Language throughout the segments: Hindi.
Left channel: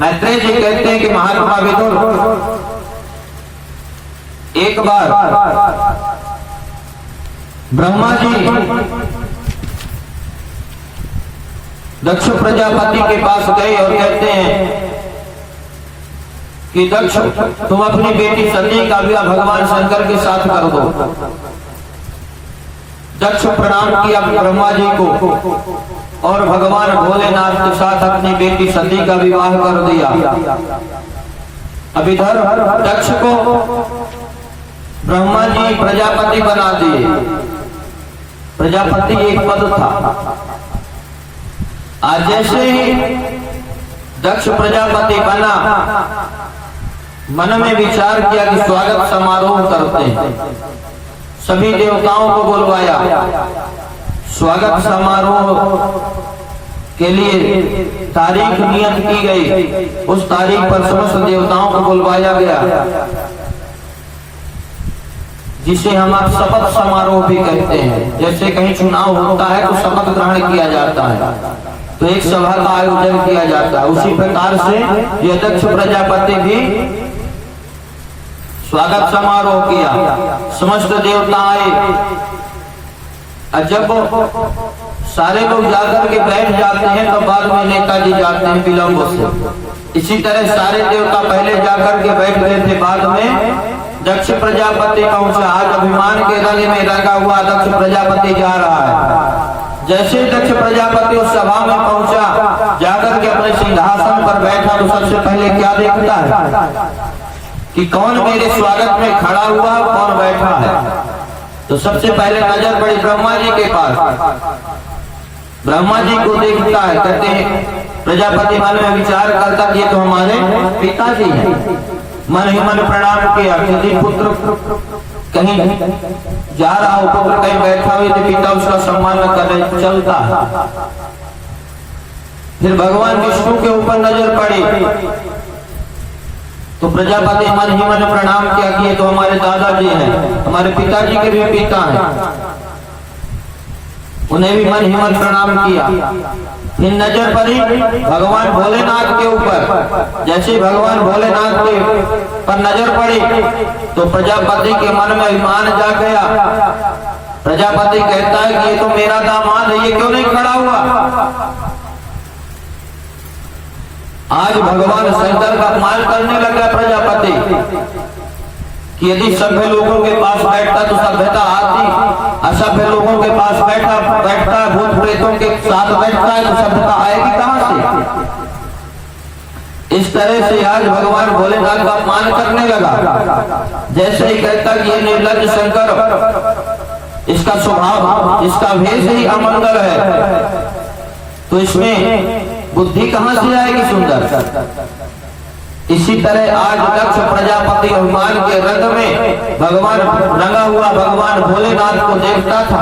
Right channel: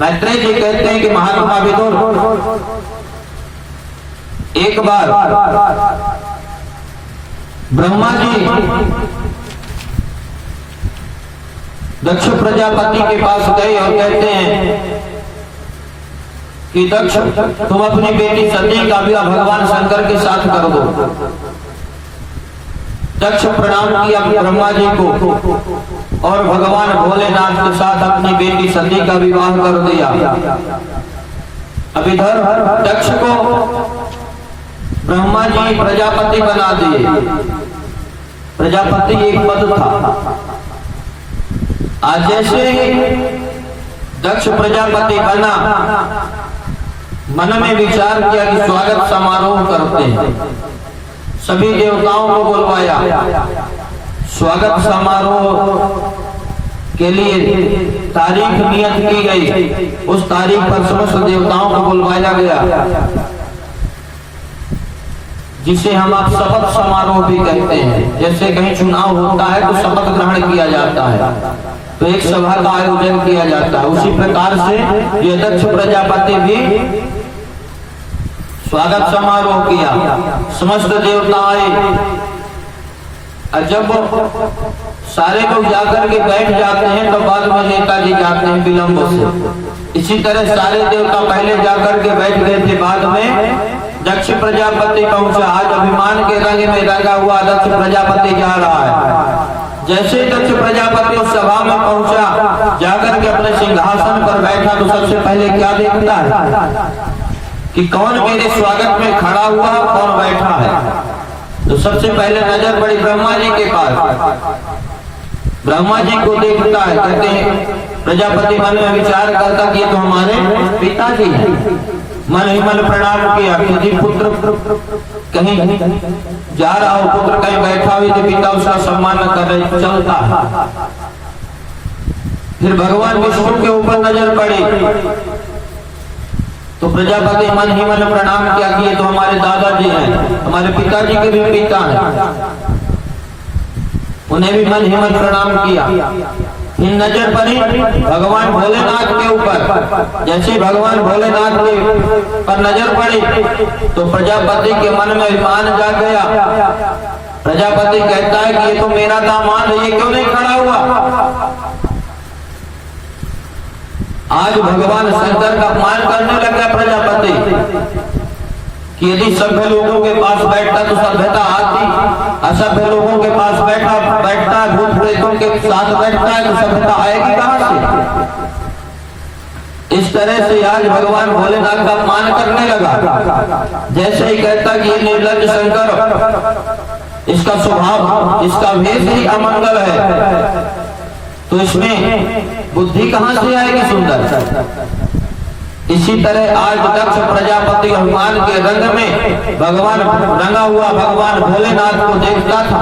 मैत्रेय जी कहते हैं कि महात्मा विदुर एक बार ब्रह्मा जी दक्ष प्रजापति के पास गए और कहते हैं कि दक्ष, तुम अपनी बेटी सती का विवाह भगवान शंकर के साथ कर दो। दक्ष प्रणाम किया ब्रह्मा जी को और भगवान भोलेनाथ के साथ अपनी बेटी सती का विवाह कर दिया। अब इधर दक्ष को ब्रह्मा जी प्रजापति बना दिए। प्रजापति एक पद था। आज जैसे ही दक्ष प्रजापति बना, मन में विचार किया कि स्वागत समारोह करते हैं। सभी देवताओं को बुलवाया। स्वागत समारोह के लिए तारीख नियत की गई। उस तारीख पर समस्त देवताओं को बुलवाया गया, जिसे हम आप शपथ समारोह भी कहते हैं। जैसे कहीं चुनाव होता है तो शपथ ग्रहण किया जाता है, तो एक सभा का आयोजन किया जाता है। उसी प्रकार से यह दक्ष प्रजापति भी स्वागत समारोह किया। समस्त देवता आए। जब सारे लोग जाकर के बैठ जाते हैं तो बाद में नेताजी जाते हैं विलंब से। इसी तरह सारे देवता पहले जाकर के बैठ गए थे, बाद में दक्ष प्रजापति पहुंचा। आज अभिमान के रंग में रंगा हुआ दक्ष प्रजापति जा रहा है। जैसे दक्ष प्रजापति उस सभा में पहुंचा, जाकर के अपने सिंहासन पर बैठा तो सबसे पहले क्या देखता है कि कौन मेरे स्वागत में खड़ा हुआ, कौन बैठा है। तो सबसे पहले नजर पड़ी ब्रह्मा जी के पास। ब्रह्मा जी को देखता है। कहते हैं प्रजापति मन में विचार करता कि ये तो हमारे पिताजी हैं। मन ही मन प्रणाम किया कि यदि पुत्र कहीं जा रहा हो, पुत्र कहीं बैठा हुआ तो पिता उसका सम्मान न करे, चलता है। फिर भगवान विष्णु के ऊपर नजर पड़ी तो प्रजापति मन ही मन प्रणाम किया कि ये तो हमारे दादाजी हैं, हमारे पिताजी के भी पिता हैं। उन्हें भी मन ही मन प्रणाम किया। फिर नजर पड़ी भगवान भोलेनाथ के ऊपर। जैसे भगवान भोलेनाथ के पर नजर पड़ी तो प्रजापति के मन में अभिमान जाग गया। प्रजापति कहता है कि ये तो मेरा दामाद है, ये क्यों नहीं खड़ा हुआ। आज भगवान शंकर का अपमान करने लगा प्रजापति कि यदि सभ्य लोगों के पास बैठता तो सभ्यता आती, असभ्य लोगों के पास बैठता है, भूत प्रेतों के साथ बैठता है तो सभ्यता आएगी कहां से। इस तरह से आज भगवान भोलेनाथ का अपमान करने लगा। जैसे ही कहता कि ये निर्लज्ज शंकर, इसका स्वभाव, इसका भेष ही अमंगल है, तो इसमें बुद्धि कहां से आएगी सुंदर। इसी तरह आज दक्ष प्रजापति अभिमान के रंग में भगवान रंगा हुआ भगवान भोलेनाथ को देखता था।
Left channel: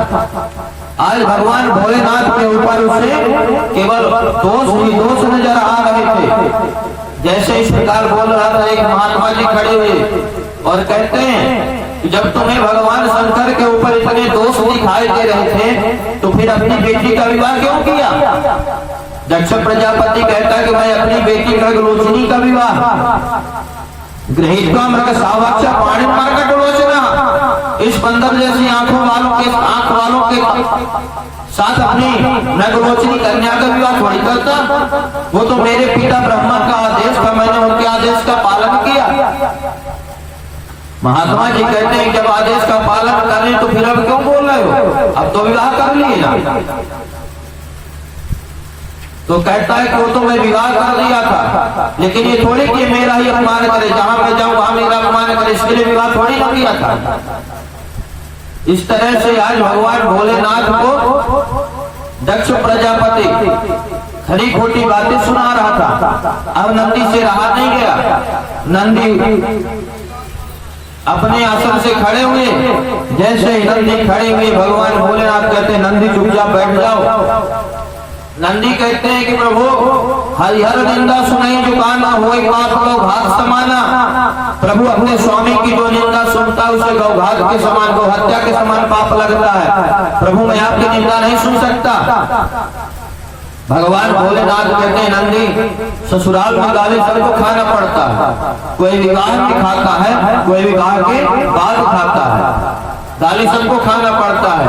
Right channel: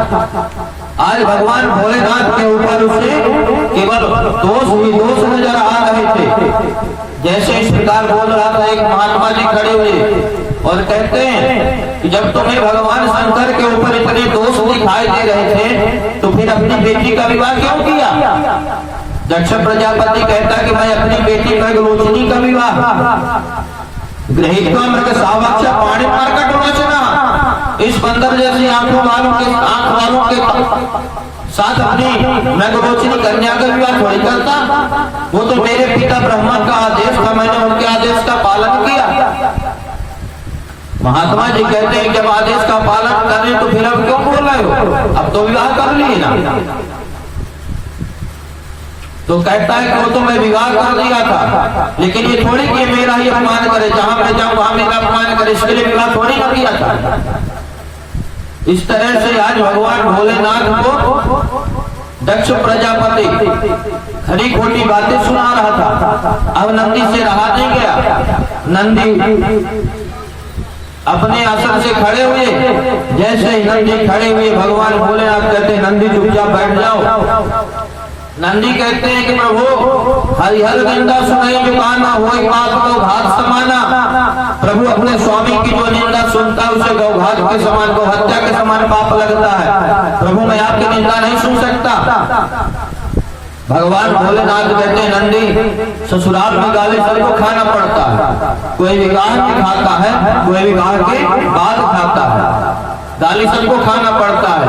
आज भगवान भोलेनाथ के ऊपर उसे केवल दोष ही दोष नजर आ रहे थे। जैसे इस प्रकार बोल रहा था, एक महात्मा जी खड़े हुए और कहते हैं कि जब तुम्हें भगवान शंकर के ऊपर इतने दोष दिखाई दे रहे थे तो फिर अपनी बेटी का विवाह क्यों किया। दक्ष प्रजापति कहता कि मैं अपनी बेटी मृगलोचनी का विवाह गृहीत्वा मृग सावक्ष पाणि मर्कट लोचना, इस बंदर जैसी आंख वालों के साथ अपनी मृगलोचनी कन्या का विवाह थोड़ी करता। वो तो मेरे पिता ब्रह्मा का आदेश था, मैंने उनके आदेश का पालन किया। महात्मा जी कहते हैं जब आदेश का पालन करें तो फिर अब क्यों बोल रहे हो, अब तो विवाह कर लिए ना। तो कहता है कि वो तो मैं विवाह कर दिया था, लेकिन ये थोड़ी कि मेरा ही अपमान करे, जहां मैं जाऊं वहां मेरा अपमान करे, इसके लिए विवाह थोड़ी ना किया था। इस तरह से आज भगवान भोलेनाथ को दक्ष प्रजापति खरी खोटी बातें सुना रहा था। अब नंदी से रहा नहीं गया। नंदी अपने आसन से खड़े हुए। जैसे ही नंदी खड़े हुए भगवान भोलेनाथ कहते हैं नंदी चुपचाप बैठ जाओ। नंदी कहते हैं कि प्रभु हरिहर निंदा सुनाई जुकाना हो पाप को घात समाना। प्रभु अपने स्वामी की जो निंदा सुनता है उसे गौघात के समान, गौ हत्या के समान पाप लगता है। प्रभु मैं आपकी निंदा नहीं सुन सकता। भगवान भोलेनाथ कहते हैं नंदी ससुराल में गाली सबको खाना पड़ता है, कोई विवाह में खाता है, कोई विवाह के बाद खाता है, गाली सबको खाना पड़ता है।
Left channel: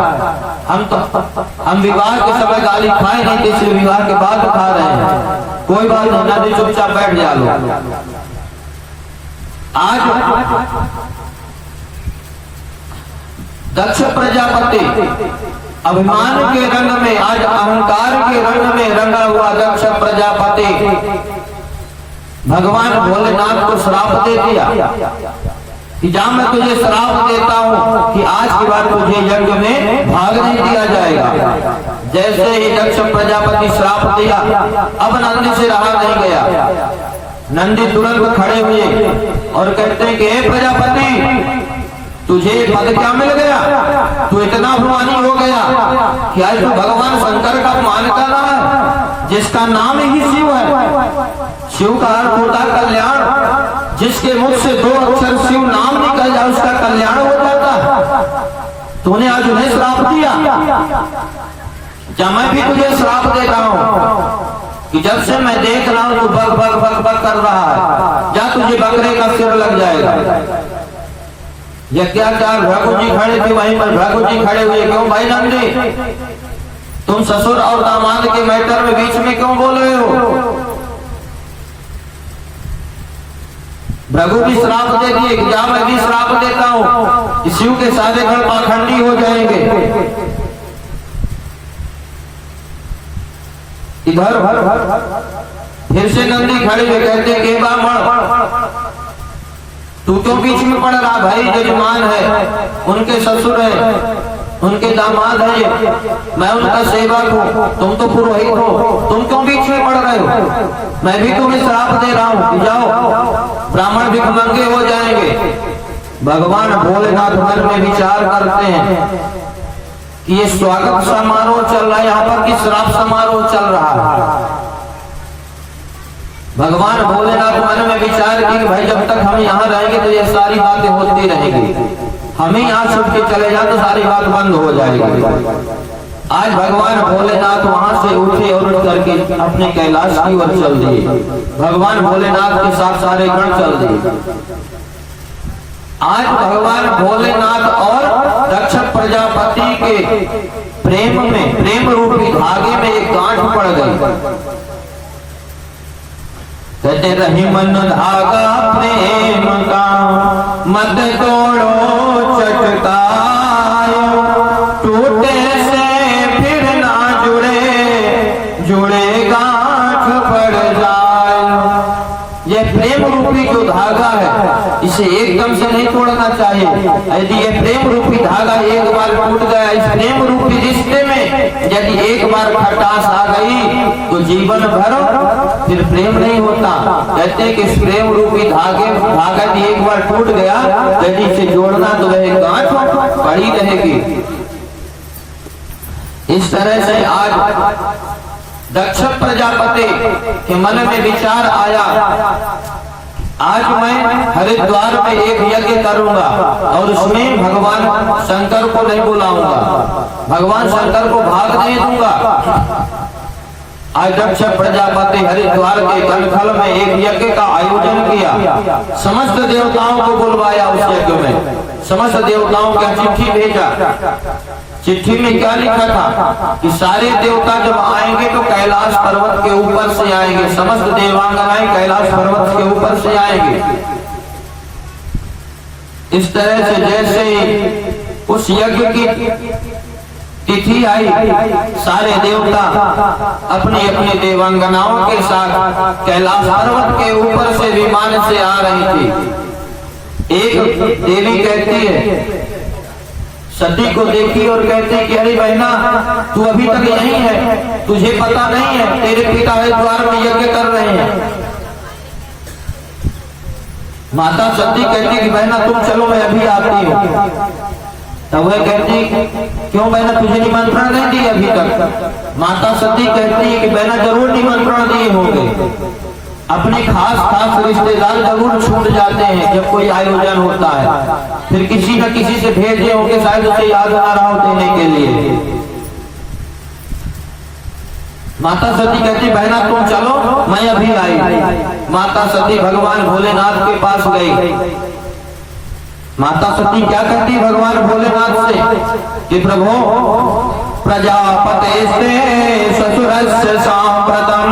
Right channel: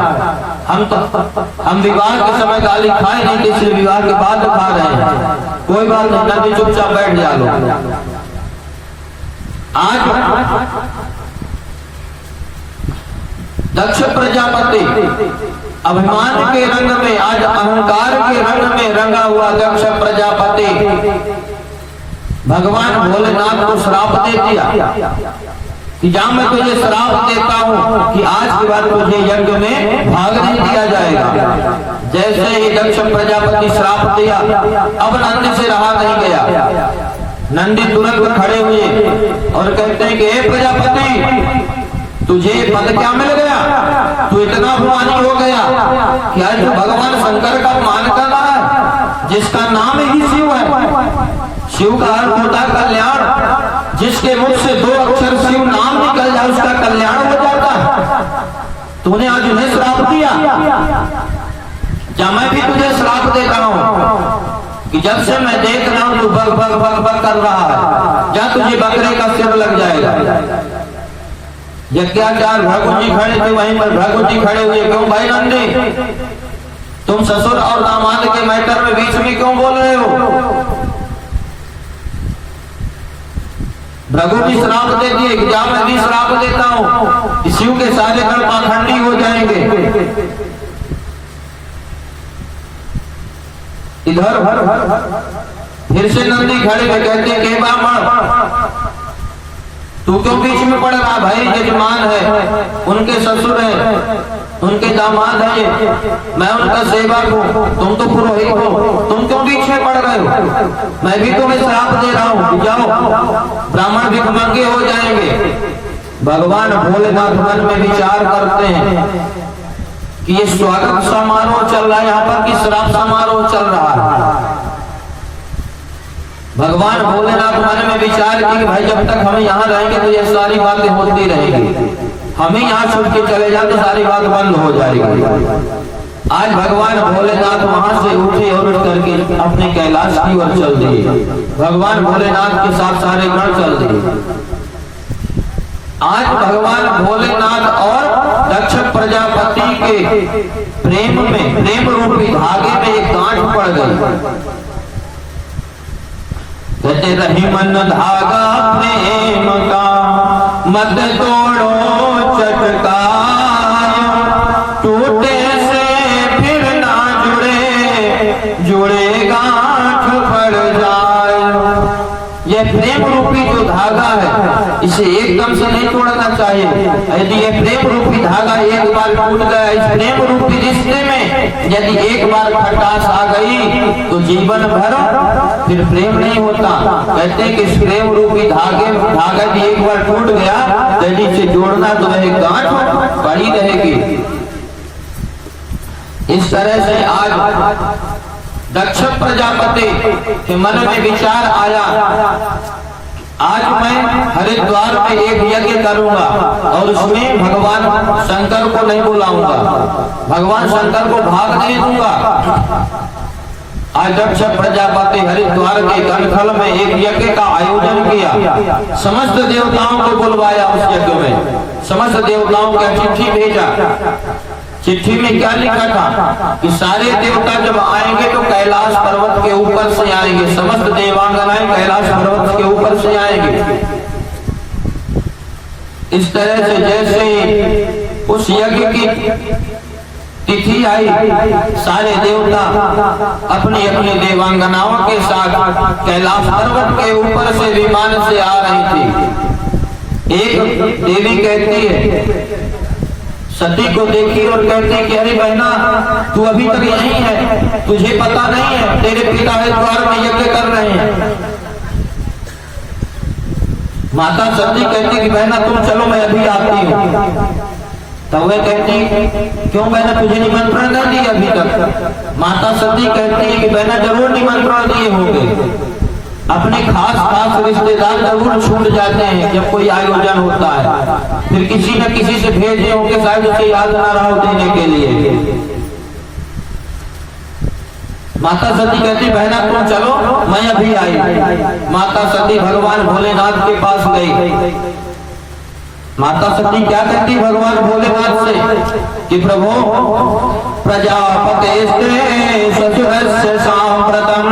हम विवाह के समय गाली खाए नहीं, इसलिए विवाह के बाद खा रहे हैं। कोई बात नहीं, नंदी चुपचाप बैठ जा लो। आज दक्ष प्रजापति अभिमान के रंग में, आज अहंकार के रंग में रंगा हुआ दक्ष प्रजापति भगवान भोलेनाथ को श्राप दे दिया कि जा मैं तुझे श्राप देता हूं कि आज के बाद तुझे यज्ञ में भाग नहीं दिया जाएगा। जैसे ही दक्ष प्रजापति श्राप दिया, अब नंदी से रहा नहीं गया। नंदी तुरंत खड़े हुए और कहते हैं कि हे प्रजापति, तुझे पद क्या मिल गया? तू इतना अभिमानी हो गया कि आज तू भगवान शंकर का अपमान कर रहा है, जिसका नाम ही शिव है। शिव का अर्थ होता है कल्याण। जिसके मुख से 2 अक्षर शिव नाम निकल जाए उसका कल्याण हो जाता है। तूने आज उन्हें श्राप दिया, जब मैं भी तुझे श्राप दे रहा हूं कि जब से मैं देख रहा हूं तू बग बग बग बग कर रहा है, जा तुझे बकरे का सिर लग जाएगा। यज्ञाचार्य भृगु जी खड़े थे, वहीं पर भृगु जी खड़े हुए, क्यों भाई नंदी, तुम ससुर और दामाद के मैटर में बीच में क्यों बोल रहे हो? भृगु भी श्राप दे दिए कि जा मैं भी श्राप देता हूं कि शिव के सारे गण पाखंडी हो जाएंगे। इधर फिर से नंदी खड़े हुए कहते कि ब्राह्मण, तू क्यों बीच में पड़ रहा? भाई यजमान है, उनके ससुर है, उनके दामाद है, मैं उनका सेवक हूँ, तुम तो पुरोहित हो, तुम क्यों बीच में पड़ रहे हो? मैं भी तुम्हें श्राप दे रहा हूँ कि जाओ ब्राह्मण भिखमंगे हो जाएंगे। भगवान भोलेनाथ मन में विचार करते हैं कि ये स्वागत समारोह चल रहा है यहाँ पर कि श्राप समारोह चल रहा है। भगवान भोलेनाथ मन में विचार की कि भाई जब तक हम यहाँ रहेंगे तो ये सारी बातें होती रहेंगी, हम ही यहाँ छूट के चले जाए तो सारी बात बंद हो जाएगी। आज भगवान भोलेनाथ वहां से उठे और उठ करके अपने कैलाश की ओर चल दिए। भगवान भोलेनाथ के साथ सारे गण चल दिए। आज भगवान भोलेनाथ और दक्ष प्रजापति के प्रेम में, प्रेम रूपी धागे में एक गांठ पड़ गई। कहते रही मन धागा प्रेम का, मत तोड़ो चटकायो, टूटे से फिर ना जुड़े, जुड़े गांठ पड़ जाए। यह प्रेम रूपी जो धागा है इसे एकदम से नहीं तोड़ना चाहिए। यदि यह प्रेम रूपी धागा एक बार टूट गया, इस प्रेम रूपी रिश्ते में यदि एक बार खटास आ गई तो जीवन भर फिर प्रेम नहीं होता। कहते हैं कि इस प्रेम रूपी धागा यदि एक बार टूट गया, यदि इसे जोड़ना तो वह गांठ पड़ी रहेगी। इस तरह से आज दक्ष प्रजापति के मन में विचार आया, आज मैं हरिद्वार में एक यज्ञ करूंगा और उसमें भगवान शंकर को नहीं बुलाऊंगा, भगवान शंकर को भाग नहीं दूंगा। आज दक्ष प्रजापति हरिद्वार के कनखल में एक यज्ञ का आयोजन किया, समस्त देवताओं को बुलवाया। उस यज्ञ में समस्त देवताओं का चिट्ठी भेजा। चिट्ठी में क्या लिखा था कि सारे देवता जब आएंगे तो कैलाश पर्वत के ऊपर से आएंगे, समस्त देवांगनाएं कैलाश पर्वत के ऊपर से आएंगे। इस तरह से जैसे उस यज्ञ की तिथि आई, सारे देवता अपनी अपनी देवांगनाओं के साथ कैलाश पर्वत के ऊपर से विमान से आ रही थी। एक देवी कहती है, सती को देखी और कहती कि अरे बहना, तू अभी तक यहीं है, तुझे पता नहीं है तेरे पिता हरिद्वार में यज्ञ कर रहे हैं। माता सती कहती कि बहना तुम चलो, मैं अभी आती हूँ। तब वह कहती क्यों बहना, तुझे निमंत्रण नहीं दिया अभी तक? माता सती कहती है कि बहना जरूर निमंत्रण दिए होंगे, अपने खास रिश्तेदार जरूर छूट जाते हैं जब कोई आयोजन होता है, फिर किसी न किसी से भेजे होंगे, शायद उसे याद ना रहा देने के लिए। माता सती कहती बहना तुम चलो, मैं अभी आई। माता सती भगवान भोलेनाथ के पास गई। माता सती क्या कहती भगवान भोलेनाथ से कि प्रभु प्रजापते ससुरस्य सांप्रतम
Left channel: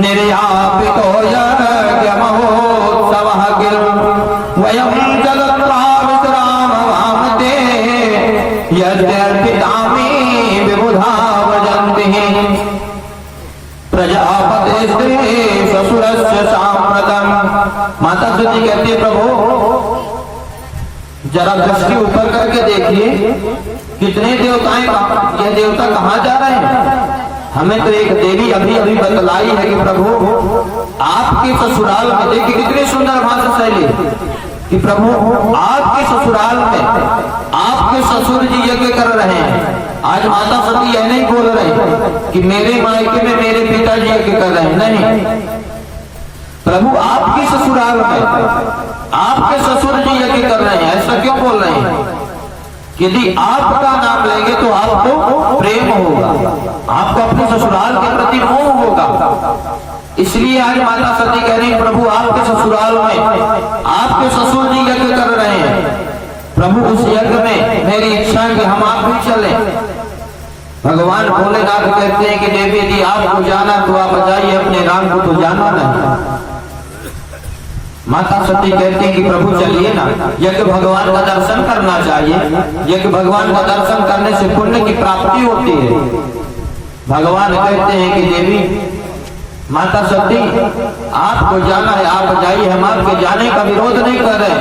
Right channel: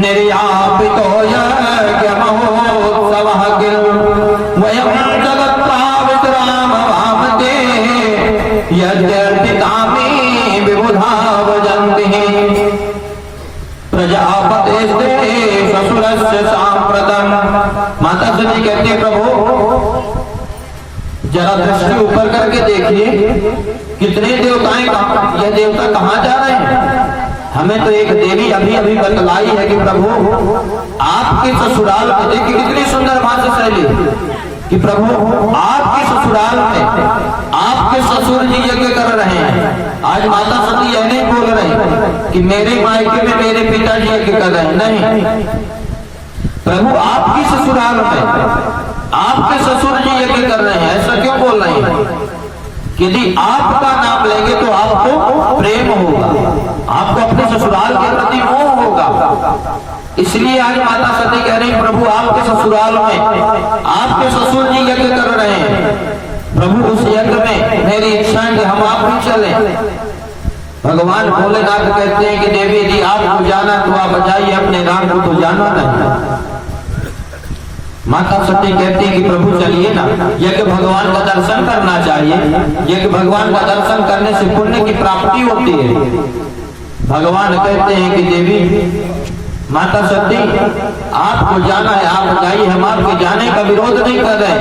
निर्यापितो यज्ञमहोत्सवः किल वयं जगत्रा विश्राम भावते यद्यर्पितामि विबुधा वजन्ति प्रजापते ससुरस्य सांप्रतम। माता सती कहती है प्रभु जरा दृष्टि ऊपर करके देखिए कितने देवताएं, यह देवता कहाँ जा रहे हैं। हमें तो एक देवी अभी अभी बतलाई है कि प्रभु आपके ससुराल में, देखिए कितनी सुंदर भाषा शैली कि प्रभु आपके ससुराल में आपके ससुर जी यज्ञ कर रहे हैं। आज माता सती यह नहीं बोल रहे कि मेरे मायके में मेरे पिताजी यज्ञ कर रहे हैं, नहीं, प्रभु आपकी ससुराल में आपके ससुर जी यज्ञ कर रहे हैं। ऐसा क्यों बोल रहे हैं? यदि आपका नाम लेंगे तो आपको प्रेम होगा, आपको अपने ससुराल के प्रति मोह होगा। इसलिए आज माता सती कह रही प्रभु आपके ससुराल में आपके ससुर जी यज्ञ कर रहे हैं। प्रभु उस यज्ञ में मेरी इच्छा है कि हम आप भी चलें। भगवान भोलेनाथ कहते हैं कि देवी यदि आपको जाना तो आप जाइए, अपने राम को तो जाना नहीं। माता सती कहती है कि प्रभु चलिए ना, यज्ञ भगवान का दर्शन करना चाहिए। यज्ञ भगवान का दर्शन करने से पुण्य की प्राप्ति होती है। भगवान कहते हैं कि देवी माता सती आपको जाना है, आप जाइए, हम आपके जाने का विरोध नहीं कर रहे,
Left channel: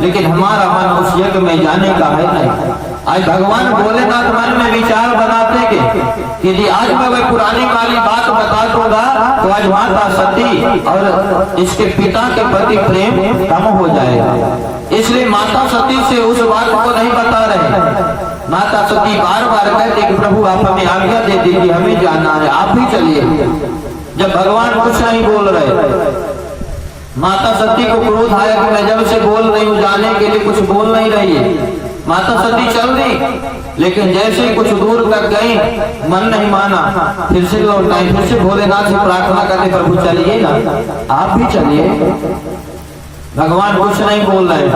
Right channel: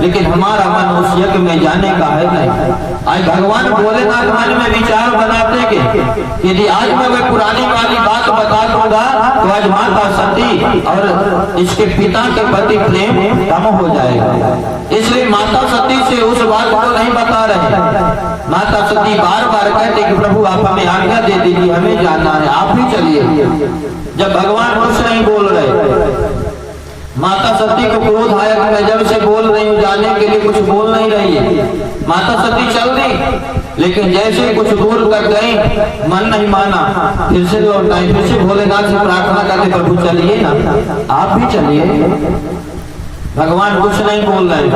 लेकिन हमारा मन उस यज्ञ में जाने का है नहीं। आज भगवान भोलेनाथ मन में विचार बनाते कि यदि आज मैं वह पुरानी वाली बात बता दूंगा तो आज माता सती और इसके पिता के प्रति प्रेम कम हो जाएगा। इसलिए माता सती से उस बात को नहीं बता रहे। माता सती बार बार कहते कि प्रभु आप हमें आज्ञा दे दीजिए, हमें जाना है, आप ही चलिए। जब भगवान कुछ नहीं बोल रहे, माता सती को क्रोध आया कि मैं जब से बोल रही हूँ जाने के लिए कुछ बोल नहीं रही है। माता सती चल दी, लेकिन जैसे कुछ दूर तक गई मन नहीं माना, फिर से लौट आई, फिर से भोलेनाथ से प्रार्थना करते प्रभु चलिए ना, आप भी चलिए। भगवान कुछ नहीं बोल रहे।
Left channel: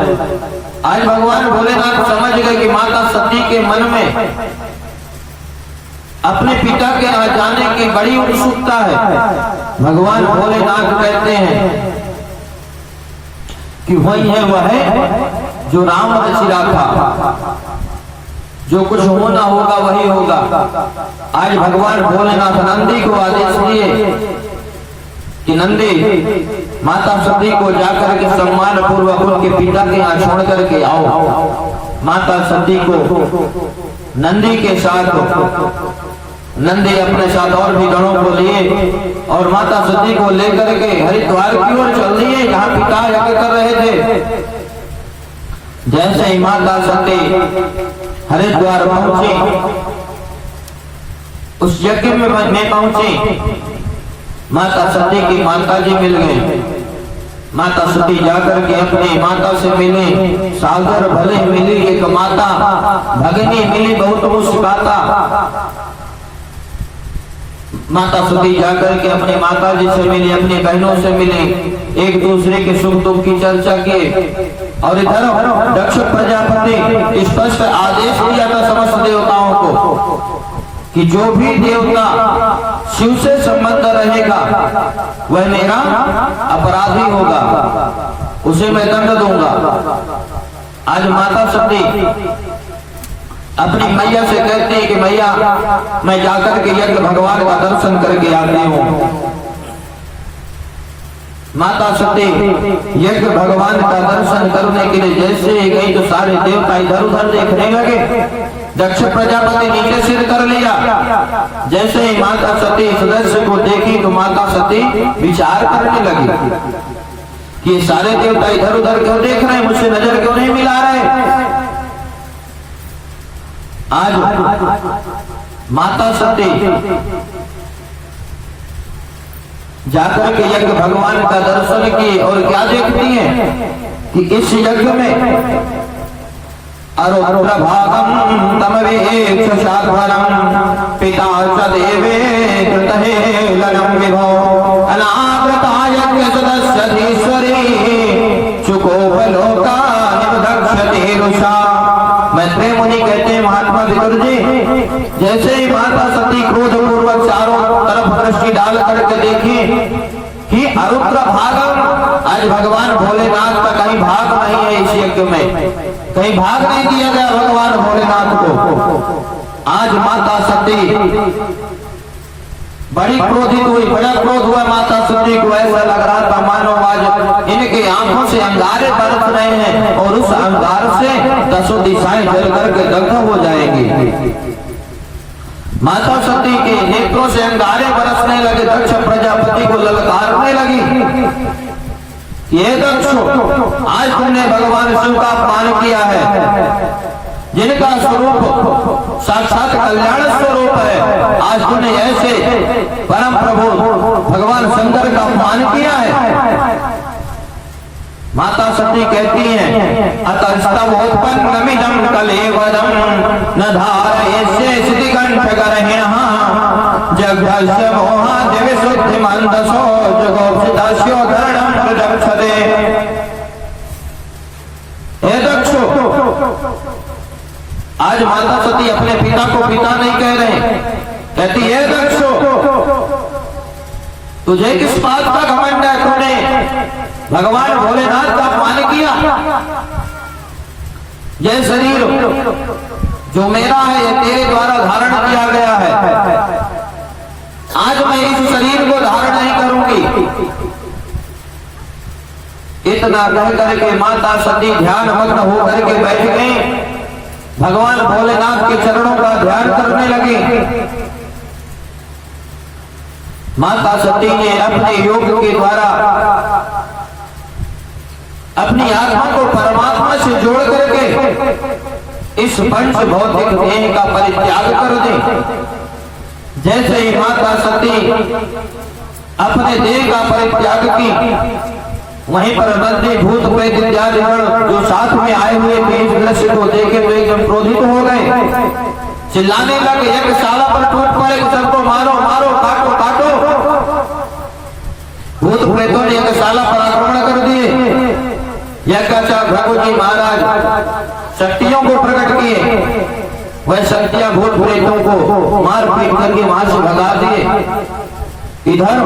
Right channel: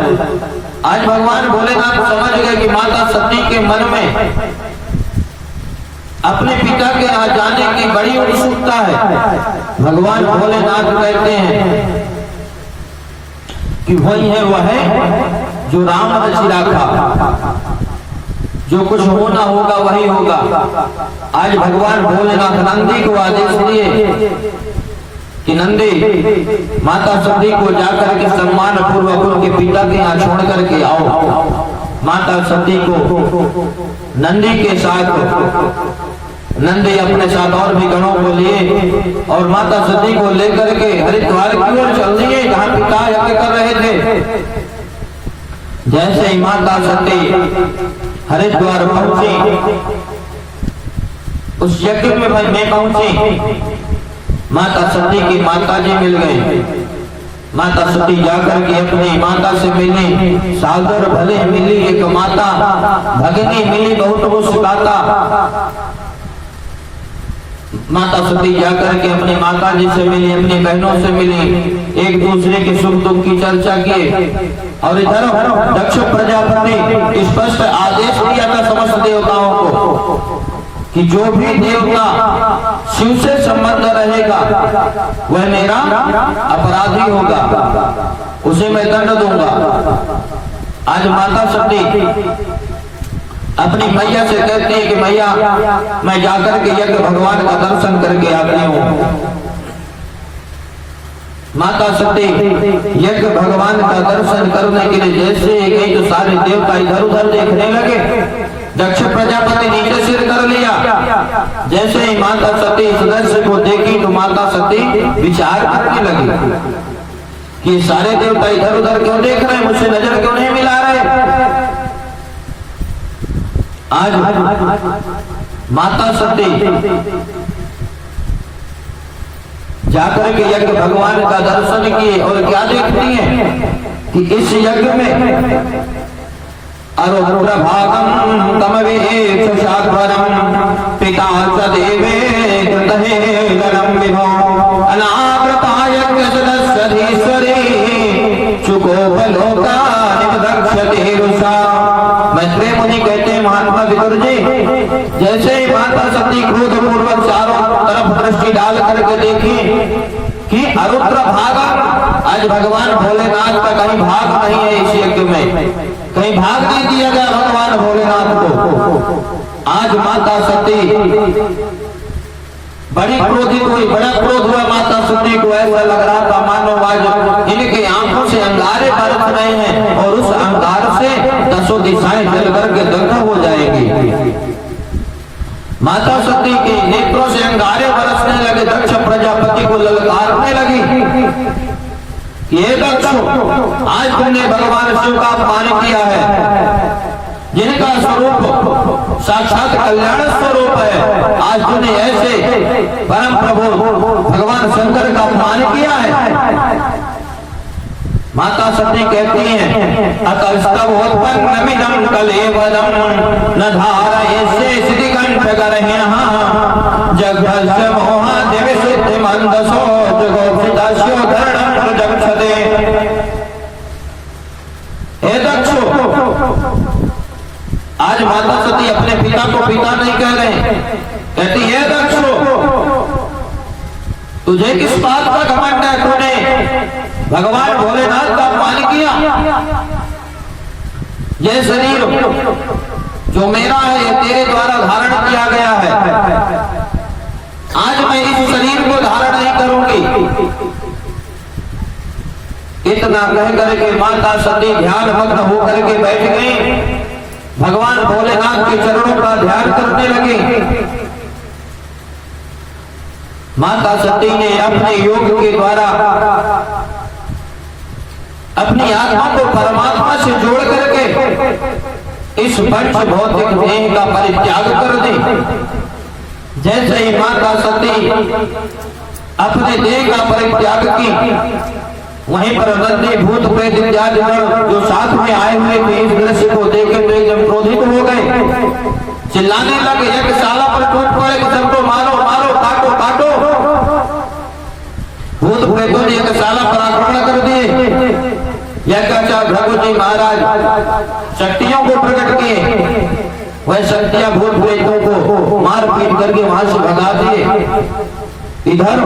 आज भगवान भोलेनाथ समझ गए कि माता सती के मन में अपने पिता के यहाँ जाने की बड़ी उत्सुकता है। भगवान भोलेनाथ कहते हैं कि वही है वह है जो राम रचिला था, जो कुछ होना होगा वही होगा। आज भगवान भोलेनाथ नंदी को आदेश दिए कि नंदी माता सती को जाकर के सम्मान पूर्वक उनके पिता के यहाँ छोड़ करके आओ। माता सती को नंदी के साथ, नंदी अपने साथ और भी गणों को लिए और माता सती को लेकर के हरिद्वार की ओर चल दिए जहाँ पिता यज्ञ कर रहे थे। जैसे ही माता सती हरिद्वार पहुंची, उस यज्ञ में पहुंची, माता सती की माता जी मिल गए। माता सती जाकर के अपनी माता से मिली, सागर भले मिली एक माता, भगनी मिली बहुत मुस्कुराता। माता सती जाकर के अपनी माता जी से मिली, अपनी बहनों से मिली, एक दूसरे के सुख दुख की चर्चा किए। और इधर दक्ष प्रजापति स्पष्ट आदेश दिया था समस्त देवताओं को कि जो भी देवता शिव से संबंध रहेगा वह मेरा अपराधी होगा, उसे मैं दंड दूंगा। आज माता सती अपनी मैया से कहती है कि मैया मैं जाकर के यज्ञ भगवान का दर्शन करके आती हूँ। माता सती यज्ञ भगवान का दर्शन करने के लिए जैसे ही गई तो सारे देवता इधर उधर देखने लगे। दक्ष प्रजापति नीचे सिर कर लिया। जैसे ही माता सती सदस्य को देखी तो माता सती विचार करने लगी कि ये सारे देवता इधर उधर क्यों देख रहे हैं, मुझसे नजर क्यों नहीं मिला रहे। आज माता सती जाकर के यज्ञ भगवान का दर्शन किए और क्या देखती हैं कि इस यज्ञ में अरुप्रभागं तमवेक्ष शाद्वरं पिता च देवे कृतहेलनं विभो अनाकृतायज्ञ सदस्यधीश्वरी चुकोपलोकानिमदक्षते रुषा। मैत्रेय मुनि कहते हैं महात्मा विदुर जी, जैसे ही माता सती क्रोध पूर्वक चारों तरफ दृष्टि डाल करके देखी कि अरुद्र भागम, आज भगवान भोलेनाथ का कहीं भाग नहीं है, इस यज्ञ में कहीं भाग नहीं दिया गया भगवान भोलेनाथ को। आज माता सती बड़ी क्रोधित हुई, बड़ा क्रोध हुआ माता सती को। ऐसा लग रहा था मानो आज इनकी आंखों से अंगारे बरस रहे हैं और उस अंगार से 10 दिशाएं जल करके दग्ध हो जाएंगी। माता सती के नेत्रों से अंगारे बरसने लगे। दक्ष प्रजापति को ललकारने लगी, ये दक्षो, आज तुमने भगवान शिव का अपमान किया है, जिनका स्वरूप साक्षात कल्याण स्वरूप है। आज तूने ऐसे परम प्रभु भगवान शंकर का अपमान किया है। माता सती कहती हैं, अतस्तवोत्पन्नमिदं कलेवरं न धारयिष्ये सिद्धिकण्ठगर्हिणः जघस्य मोहाद्यविशुद्धिमन्दसो जगोपसितस्योद्धरणं प्रजक्षते। हे दक्षो, आज माता सती अपने पिता को पिता नहीं कह रहे, कहती है दक्षो, तुझे किस बात का घमंड है? तूने भगवान भोलेनाथ का अपमान किया। यह शरीर जो मेरा है, यह तेरे द्वारा धारण किया गया है। आज मैं इस शरीर को धारण नहीं करूंगी। इतना कह करके माता सती ध्यान मग्न होकर के बैठ गई, भगवान भोलेनाथ के चरणों का ध्यान करने लगे। माता सती ने अपने योग के द्वारा अपनी आत्मा को परमात्मा से जोड़ करके इस पंच भौतिक देह का परित्याग कर दे। जैसे ही माता सती अपने देह का परित्याग की, वहीं पर नंदी भूत प्रेत इत्यादि जो साथ में आए हुए थे इस दृश्य को देखे तो एकदम क्रोधित हो गए, चिल्लाने लगे, यज्ञशाला पर टूट पड़े कि सबको मारो मारो, काटो काटो। भूत प्रेतों ने यज्ञशाला पर आक्रमण कर दिए। यज्ञाचार्य भृगु जी महाराज शक्तियों को प्रकट किए, वह शक्तियां भूत प्रेतों को मार पीट करके वहां से भगा दिए। इधर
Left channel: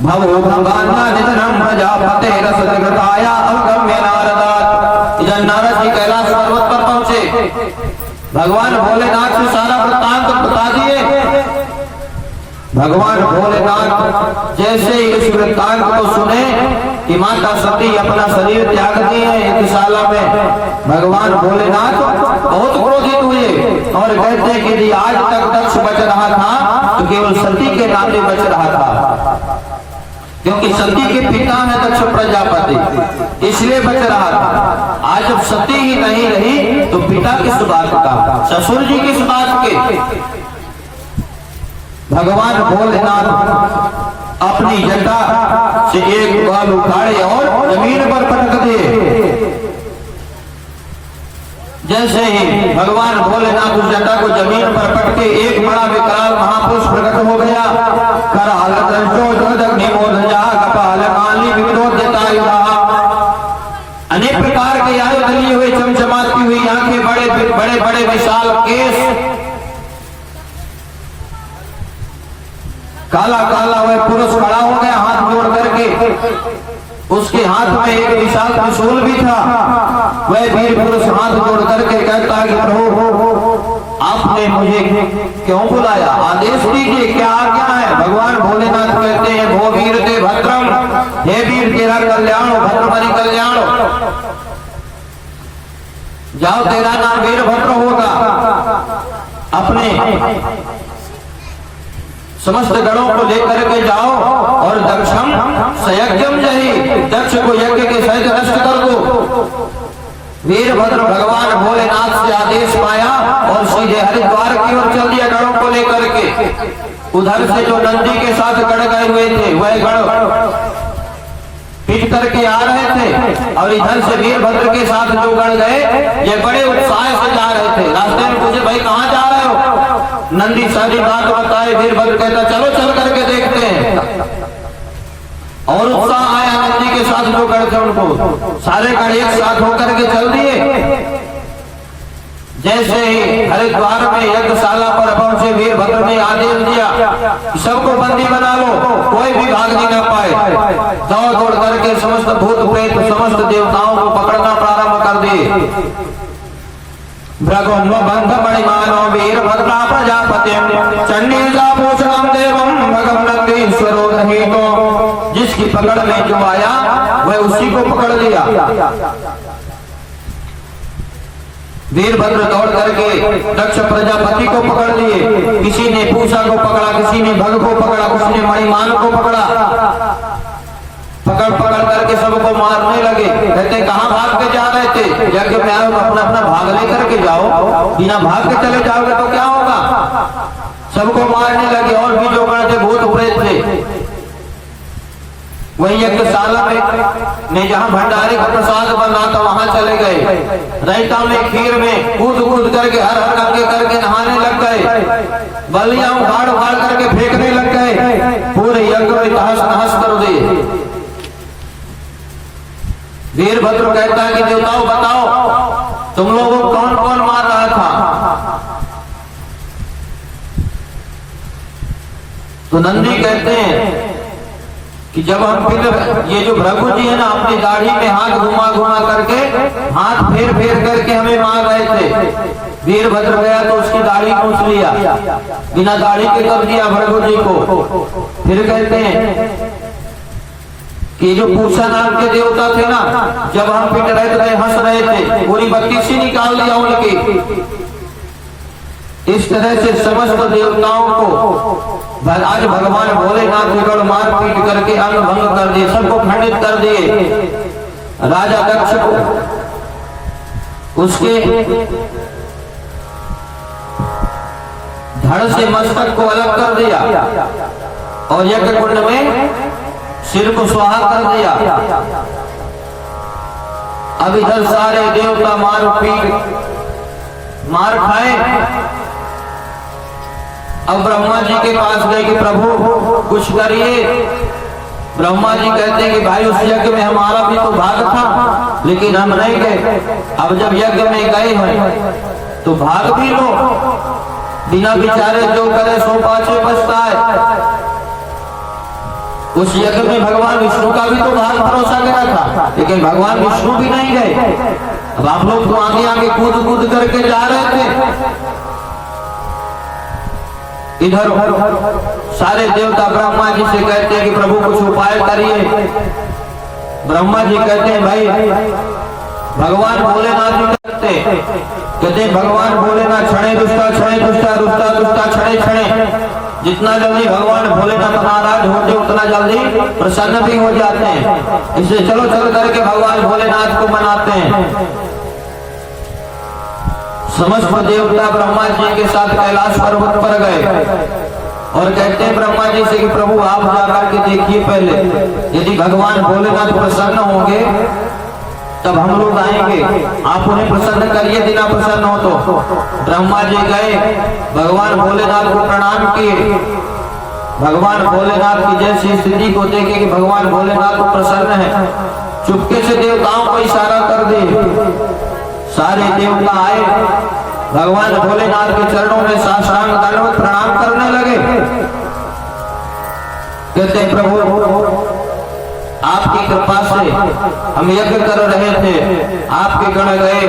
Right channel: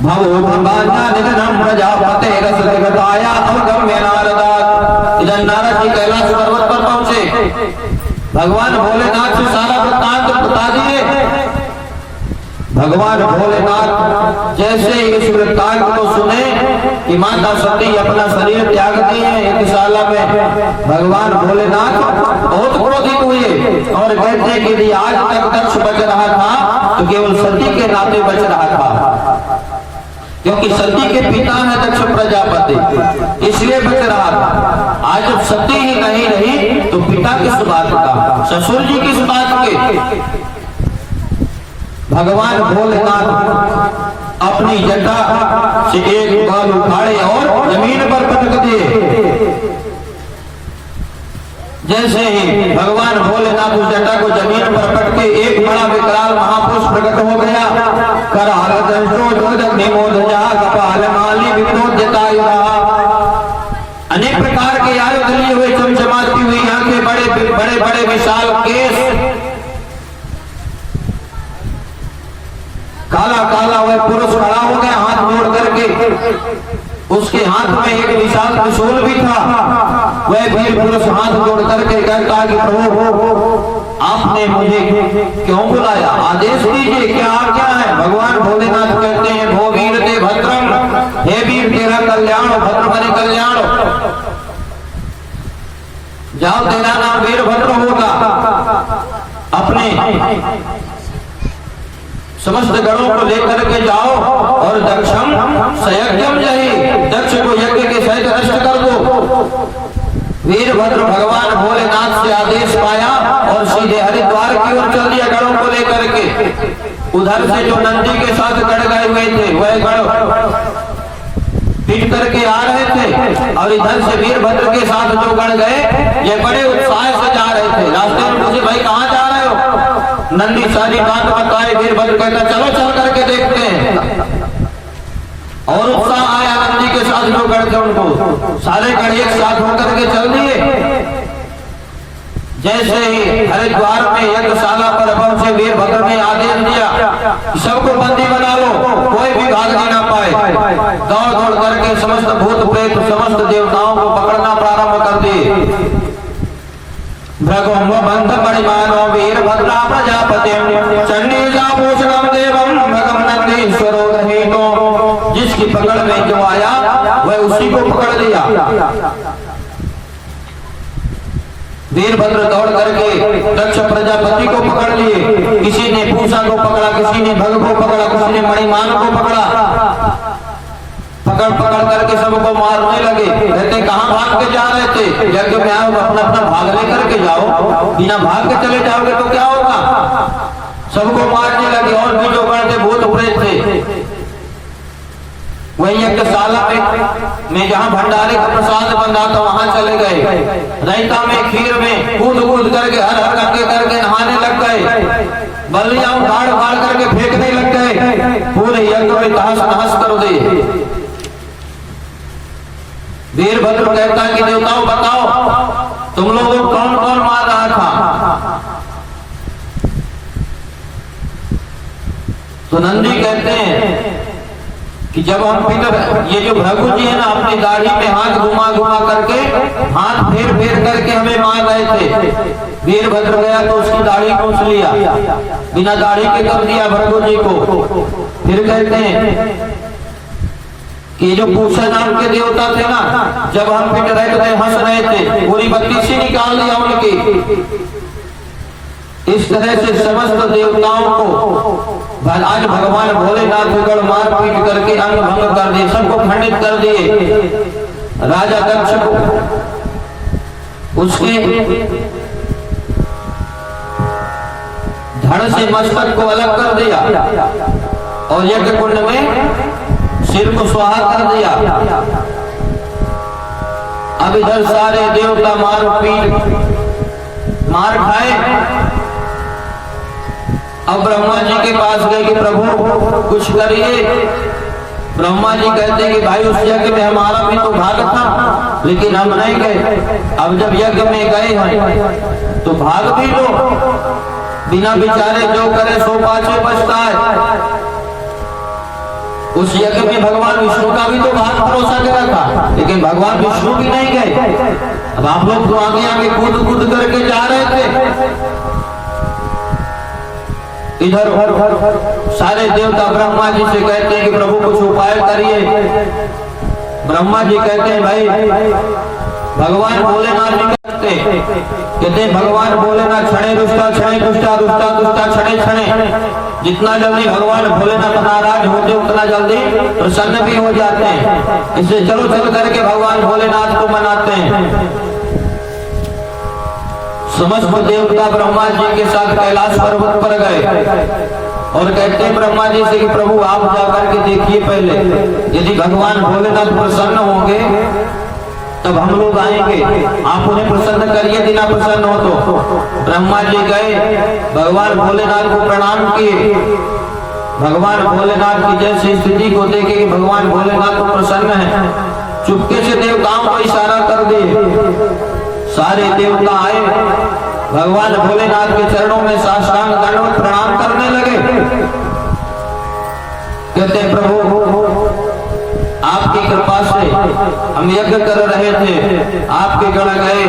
भवो भंगान्या निधनं प्रजापते रसगताया अवगम्य नारदात। इधर नारद जी कैलाश पर्वत पर पहुंचे, भगवान भोलेनाथ से सारा वृत्तांत बता दिए। भगवान भोलेनाथ जैसे इस वृत्तांत को सुने कि माता सती अपना शरीर त्याग दिए यज्ञशाला में, भगवान भोलेनाथ बहुत क्रोधित हुए और कहते कि यदि आज तक दक्ष बच रहा था तो केवल सती के नाते बच रहा था, क्योंकि सती के पिता है दक्ष प्रजापति, इसलिए बच रहा था। आज जब सती ही नहीं रही तो पिता किस बात का, ससुर जी किस बात के। भगवान भोलेनाथ अपनी जटा से एक बाल उखाड़े और जमीन पर पटक दिए। जैसे ही भगवान भोलेनाथ उस जटा को जमीन पर पटके एक बड़ा विकराल महापुरुष प्रकट हो गया। कराल अनेक प्रकार के आयुध लिए हुए, चमचमाती हुई आंखें, बड़े बड़े बड़े विशाल केस, काला काला वह पुरुष खड़ा हो गया हाथ जोड़ करके। उसके हाथ में एक विशाल त्रिशूल भी था। वह वीर पुरुष हाथ जोड़ करके कहता कि प्रभु आपने मुझे क्यों बुलाया, आदेश दीजिए, क्या आज्ञा है। भगवान भोलेनाथ कहते हैं, भो वीर ते भद्रम, हे वीर तेरा कल्याण हो, भद्रमणि कल्याण हो, जाओ तेरा नाम वीरभद्र होगा। अपने समस्त गणों को लेकर के जाओ और दक्षम सयज्ञम जहि, दक्ष को यज्ञ के सहित नष्ट कर दो। वीरभद्र भगवान भोलेनाथ से आदेश पाया और सीधे हरिद्वार की ओर चल दिया गणों को लेकर के। उधर से जो नंदी के साथ गढ़ गए हुए थे वह गढ़ पीट करके आ रहे थे और इधर से वीरभद्र के साथ जो गण गए ये बड़े उत्साह से जा रहे थे। रास्ते में पूछे भाई कहाँ जा रहे हो? नंदी सारी बात बताए। वीरभद्र कहता चलो चल करके देखते हैं। और उत्साह आया नंदी के साथ जो गण थे उनको। सारे गण एक साथ होकर के चल दिए। जैसे ही हरिद्वार में यज्ञशाला पर पहुंचे वीरभद्र ने आदेश दिया सबको बंदी बना लो, कोई भी भागने ना पाए। दौड़ दौड़ करके समस्त भूत प्रेत समस्त देवताओं को पकड़ना प्रारंभ कर दिए। भ्रगोम बंध मणिमानो वीरभद्रा प्रजापति चंडीजा पूषणम देवम भगम नंदीश्वरो गृहीतो। जिसकी पकड़ में जो आया वह उसी को पकड़ लिया। वीरभद्र दौड़ करके दक्ष प्रजापति को पकड़ लिए। किसी ने पूषा को पकड़ा, किसी ने भग को पकड़ा, किसी ने मणिमान को पकड़ा। पकड़ पकड़ करके सबको मारने लगे। कहते कहाँ भाग के जा रहे थे? यज्ञ में आओ अपना अपना भाग लेकर के जाओ, बिना भाग के चले जाओगे तो क्या होगा? सबको मारने लगे। और भी जो गण थे भूत प्रेत थे वही यज्ञशाला में जहाँ भंडारे का प्रसाद बना था वहां चले गए। रायता में खीर में कूद कूद करके हर हर करके करके नहाने लग गए। बलियां उखाड़ उखाड़ करके फेंकने लग गए। पूरे यज्ञ में तहस नहस कर दिए। वीरभद्र कहता है कि देवताओं बताओ तुम लोगों को कौन कौन मार रहा था? तो नंदी कहते हैं कि जब हम फिर ये जो भृगु जी है ना अपनी दाढ़ी में हाथ घुमा घुमा करके हाथ फेर फेर करके हमें मार रहे थे। वीरभद्र गया तो उसकी दाढ़ी पूछ लिया, बिना दाढ़ी के कर दिया भृगु जी को। फिर कहते हैं कि जो पूषा नाम के देवता थे ना जब हम पिट रहे थे हंस रहे थे, पूरी बत्तीसी निकाल दिया उनकी। इस तरह से समस्त देवताओं को आज भगवान भोलेनाथ गढ़ मार पीट करके अंग भंग कर दिए, सबको खंडित कर दिए। राजा दक्ष को उसके धड़ से मस्तक को अलग कर दिया और यज्ञ कुंड में सिर को स्वाहा कर दिया। अब इधर सारे देवता मार पीट मार खाए। अब ब्रह्मा जी के पास गए कि प्रभु कुछ करिए। ब्रह्मा जी कहते हैं कि भाई उस यज्ञ में हमारा भी तो भाग था लेकिन हम नहीं गए। अब जब यज्ञ में गए हैं तो भाग भी लो, बिना विचारे जो करे सो पाछे पछताए। उस यज्ञ में भगवान विष्णु का भी तो भाग भरोसा गया था लेकिन भगवान विष्णु भी नहीं गए। अब आप लोग तो आगे आगे कूद कूद करके जा रहे थे। इधर सारे देवता ब्रह्मा जी से कहते हैं कि प्रभु कुछ उपाय करिए। ब्रह्मा जी कहते हैं भाई भगवान भोलेनाथ जी कहते हैं भगवान भोलेनाथ क्षणे दुष्टा क्षणे दुष्टा रुष्टा दुष्टा क्षणे क्षणे। जितना जल्दी भगवान भोलेनाथ नाराज होते उतना जल्दी प्रसन्न भी हो जाते हैं। इसलिए चलो चल करके भगवान भोलेनाथ को मनाते हैं। समस्त देवता ब्रह्मा जी के साथ कैलाश पर्वत पर गए और कहते हैं ब्रह्मा जी से कि प्रभु आप जाकर के देखिए पहले, यदि भगवान भोलेनाथ प्रसन्न होंगे तब हम लोग आएंगे, आप उन्हें प्रसन्न करिए। यदि ना प्रसन्न हो तो ब्रह्मा जी गए, भगवान भोलेनाथ को प्रणाम किए। भगवान भोलेनाथ की जैसी स्थिति को देखे कि भगवान भोलेनाथ को प्रसन्न है, चुपके से देवताओं को इशारा कर दिए। सारे देवता आए, भगवान भोलेनाथ के चरणों में साष्टांग दंडवत प्रणाम करने लगे। कहते प्रभु आपकी कृपा से हम यज्ञ कर रहे थे, आपके गण गए।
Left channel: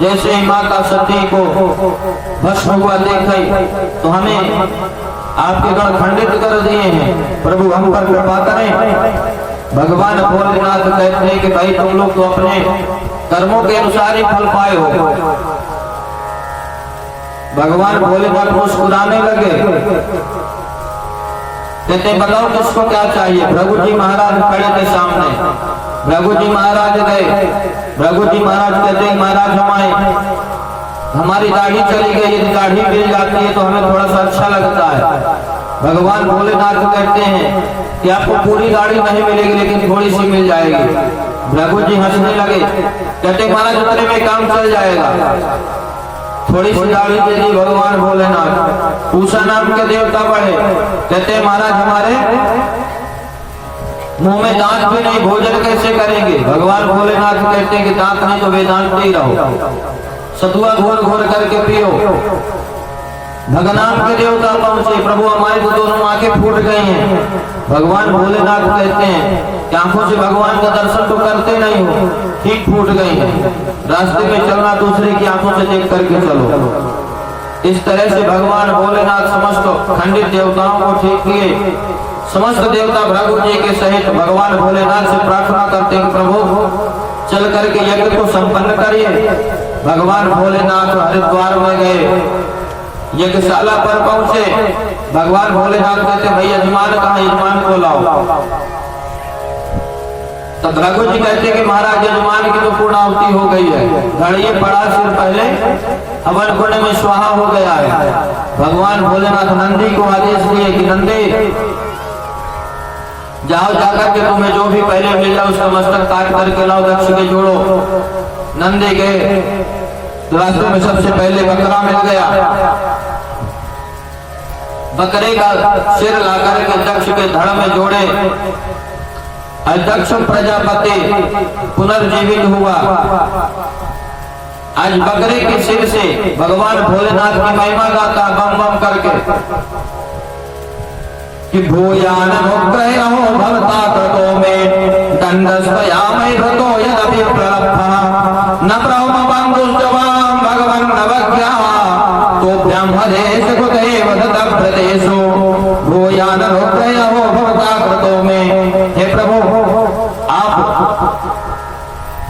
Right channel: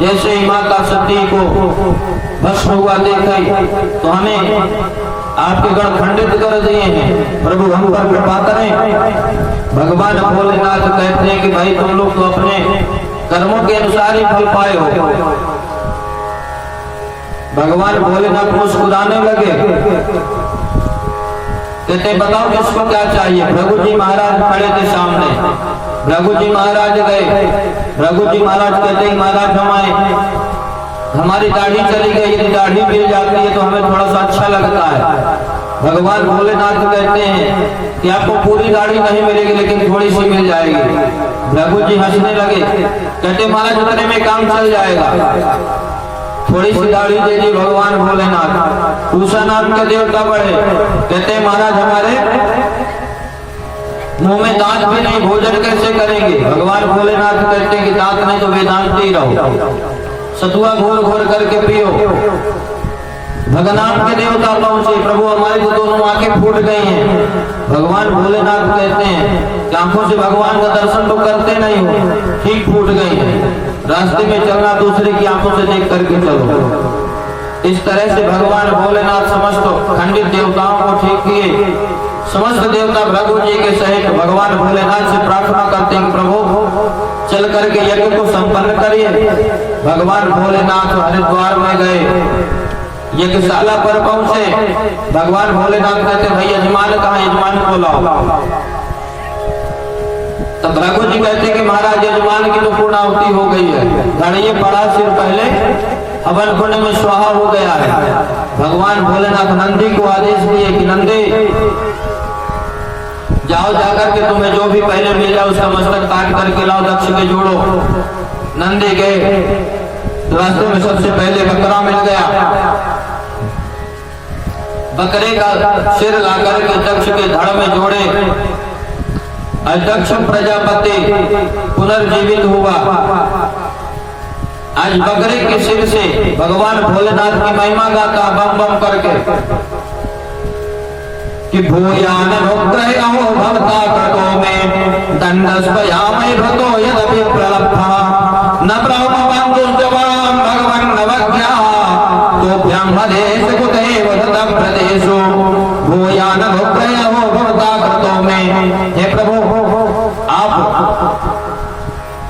जैसे ही माता सती को भस्म हुआ देखा तो हमें आपके गण खंडित कर दिए हैं, प्रभु हम पर कृपा करें। भगवान भोलेनाथ कहते हैं कि भाई तुम लोग तो अपने कर्मों के अनुसार ही फल पाए हो। भगवान भोलेनाथ मुस्कुराने लगे। कहते बताओ किसको क्या चाहिए? भृगु जी महाराज खड़े थे सामने। भृगु जी महाराज गए। भृगु जी महाराज कहते महाराज हमारी दाढ़ी चली गई, यदि दाढ़ी मिल जाती है तो हमें थोड़ा सा अच्छा लगता है। भगवान भोलेनाथ कहते हैं कि आपको पूरी दाढ़ी नहीं मिलेगी लेकिन थोड़ी सी मिल जाएगी। रघु जी हंसने लगे, कहते महाराज उतने में काम चल जाएगा। थोड़ी सी दाढ़ी दे दी भगवान भोलेनाथ। पूषा नाम के देवता बढ़े, कहते महाराज हमारे मुंह में दांत भी नहीं, भोजन कैसे करेंगे? भगवान भोलेनाथ कहते हैं कि दांत नहीं तो वेदांत ही रहो, सतुआ घोर घोर करके पियो। भगनाम के देवता पहुंचे, प्रभु हमारे तो दोनों आंखें फूट गई हैं। भगवान भोलेनाथ कहते हैं कि आंखों से भगवान का दर्शन तो करते नहीं हो, ठीक फूट गई है। रास्ते में चलना दूसरे की आंखों से देख करके चलो। इस तरह से भगवान भोलेनाथ समस्त खंडित देवताओं को ठीक किए। समस्त देवता भृगु जी के सहित भगवान भोलेनाथ से प्रार्थना करते हैं, प्रभु चल करके यज्ञ को संपन्न करिए। भगवान भोलेनाथ हरिद्वार में गए, यज्ञशाला पर पहुंचे। भगवान भोलेनाथ कहते भाई यजमान कहाँ? यजमान को लाओ। तब भृगु जी कहते कि महाराज यजमान की तो पूर्णाहुति हो गई है, धड़िए पड़ा सिर पहले हवन कुंड में स्वाहा हो गया है। भगवान भोलेनाथ नंदी को आदेश दिए कि नंदी जाओ, जाकर के तुम्हें जो भी पहले मिल जाओ उसका मस्तक काट करके लाओ, दक्ष के जोड़ो। नंदी गए, रास्ते में सबसे पहले बकरा मिल गया। बकरे का सिर लाकर के दक्ष के धड़ में जोड़े। दक्ष प्रजापति पुनर्जीवित हुआ। आज बकरे के सिर से भगवान भोलेनाथ की महिमा गाता बम बम करके कि भूयान अनुग्रहो भवता कृतो में दंडस्वयामि भृतो यदपि प्रलब्धा न ब्रह्म बंधुश्चवाम भगवन् नवज्ञा तोभ्यं हरेश कुतैव ततप्रदेशो भूयान अनुग्रहो भवता कृतो में। हे प्रभु आप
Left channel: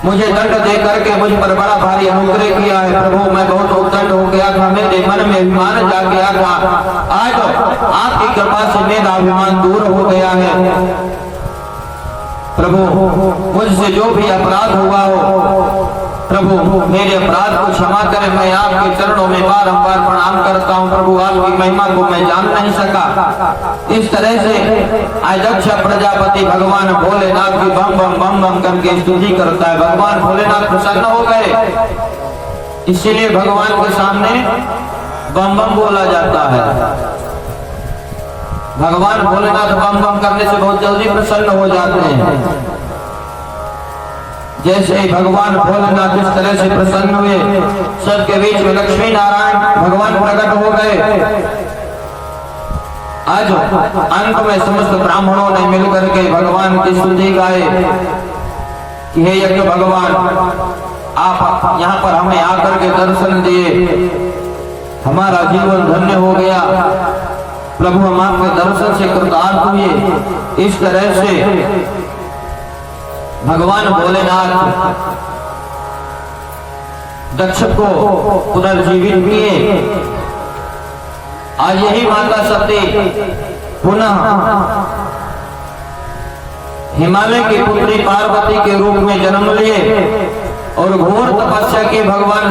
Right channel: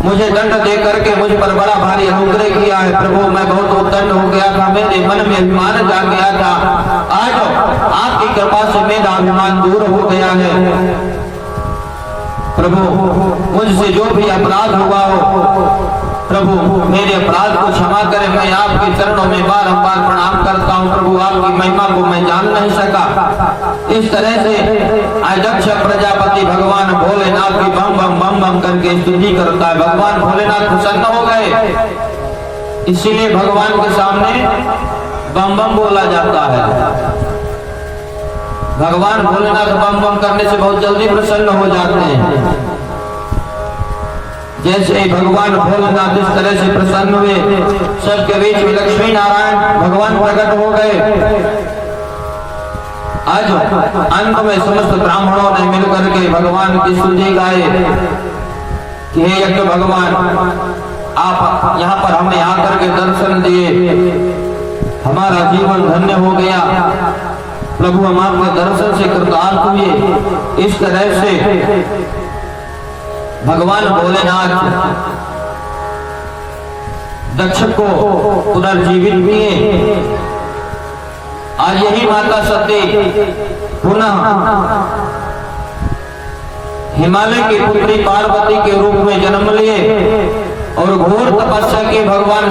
मुझे दंड दे करके मुझ पर बड़ा भारी अनुग्रह किया है। प्रभु मैं बहुत उद्दंड हो गया था, मेरे मन में अभिमान जाग गया था। आज आपकी कृपा से मेरा अभिमान दूर हो गया है। प्रभु मुझसे जो भी अपराध हुआ हो, प्रभु मेरे अपराध को क्षमा करें। मैं आपके चरणों में बारंबार प्रणाम करता हूँ। प्रभु आपकी महिमा को मैं जान नहीं सका। इस तरह से आज दक्ष प्रजापति भगवान भोलेनाथ की बम बम बम बम करके स्तुति करता है। भगवान भोलेनाथ प्रसन्न हो गए, इसीलिए भगवान के सामने बम बम बोला जाता है। भगवान भोलेनाथ बम बम करने से बहुत जल्दी प्रसन्न हो जाते हैं। जैसे ही भगवान भोलेनाथ इस तरह से प्रसन्न हुए, सबके बीच में लक्ष्मी नारायण भगवान प्रकट हो गए। आज अंत में समस्त ब्राह्मणों ने मिलकर के भगवान की स्तुति गाए कि हे यज्ञ भगवान, आप यहाँ पर हमें आकर के दर्शन दिए, हमारा जीवन धन्य हो गया। प्रभु हम आपके दर्शन से कृतार्थ हुए। इस तरह से भगवान भोलेनाथ दक्ष को पुनर्जीवित किए। आज यही माता सती पुनः हिमालय की पुत्री पार्वती के रूप में जन्म लिए और घोर तपस्या की भगवान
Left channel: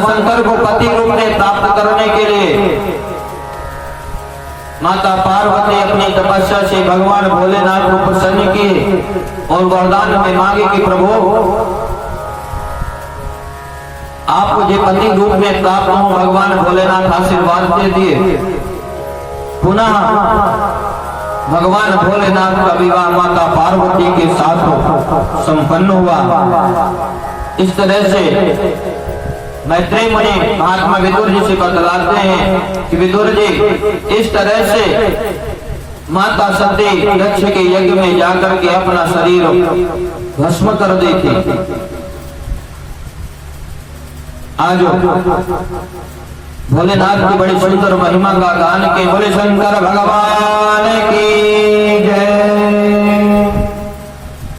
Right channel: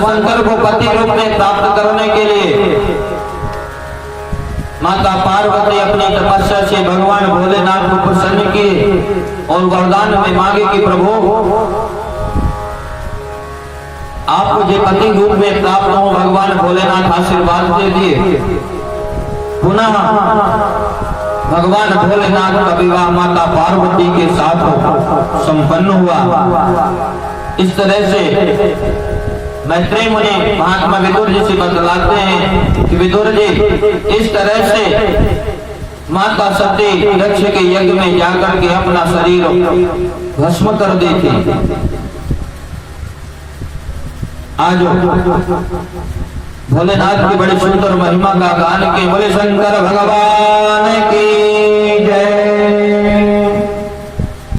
शंकर को पति रूप में प्राप्त करने के लिए माता पार्वती अपनी तपस्या से भगवान भोलेनाथ को प्रसन्न किए और वरदान में मांगे कि प्रभु आप मुझे पति रूप में प्राप्त हो। भगवान भोलेनाथ आशीर्वाद दे दिए। पुनः भगवान भोलेनाथ का विवाह माता पार्वती के साथ संपन्न हुआ। इस तरह से मैत्रेय मुनि महात्मा विदुर जी से बतलाते हैं कि विदुर जी इस तरह से माता सती दक्ष के यज्ञ में जाकर के अपना शरीर भस्म कर दी थी। आज भोलेनाथ की बड़ी सुंदर महिमा का गान के बोले शंकर भगवान की